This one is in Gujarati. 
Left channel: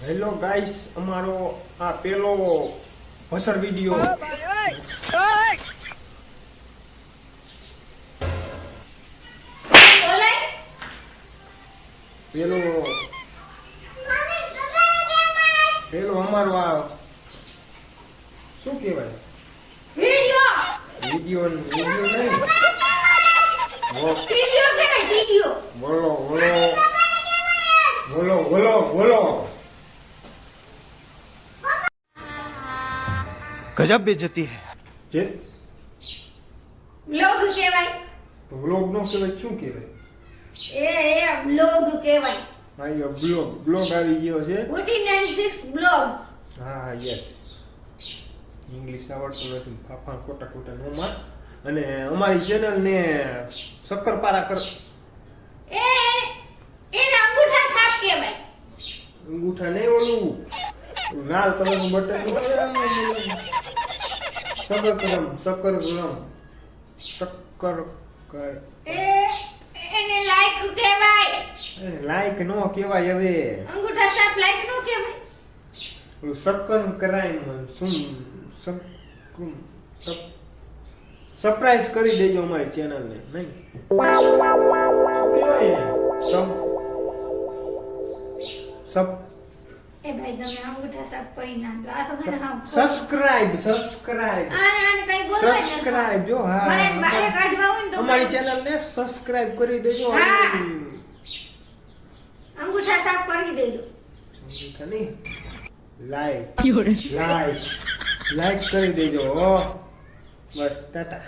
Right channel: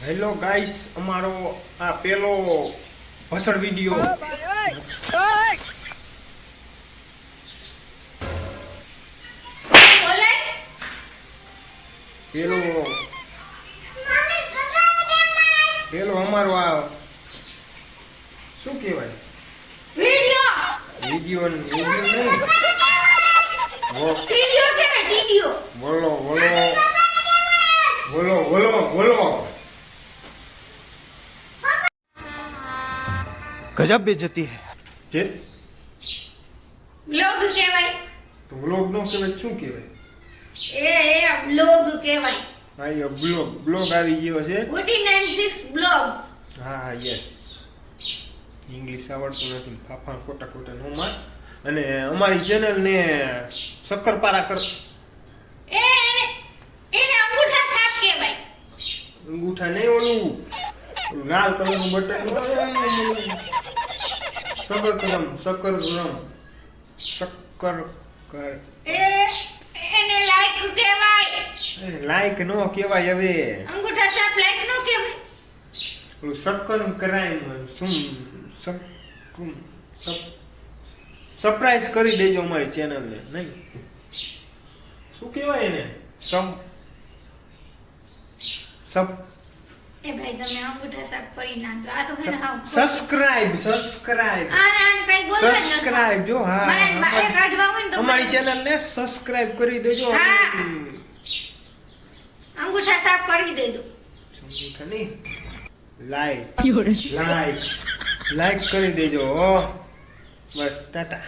હેલો ગાઈસ, અમારો આ પેલો ભસડ વિડિયો પેલો અમારો આ શું કહેવાય વિડિયો નહીં બોલો गजब बेइज्जती है જે બ્લોગ કહેવાય તો વ્લોગ નો કહેવાય શું કહેવાય? એ બ્લોગ કહેવાય હા, એ બ્લોગ આવી ગયો છે. 49 બ્લોગ. હા, યસ. ઇંગ્લિશ આવડતું નથી, ફાફા ખોટા નો માર. અને અમારી ચેનલ ને શક્કરપારા કર એને અંગૂઠા સાપ કહેવાય. અંગૂઠા નહીં, ઓલું લાલ કલર નું બટન શક્કર કર એને લાઈક કહેવાય. લાઈક નો કહેવાય. હવે અંગૂઠા સાપ લાઈક નો કહેવાય. ઓલું શક્કર કરાય સરપ્રાઈઝ કરી દેજો અમારી ચેનલ ને. નહીં શું કહેવાય ને? એ ભાઈ તમે અંગૂઠા સાપ કરી નાખો. આ તો મને હાવ સબસ્ક્રાઇબ આને કઈ બોલવા જ નથી. સબસ્ક્રાઇબ જો. મારે હા, બહાર કાઢવા હોય ને તો અમારી ચેનલ ને સબસ્ક્રાઇબ કરી દેજો. હા. અંગૂઠા સાપ કરી દેજો. સમજ્યા નહીં? લાઈક કરી દેજો. બસ ટાટા.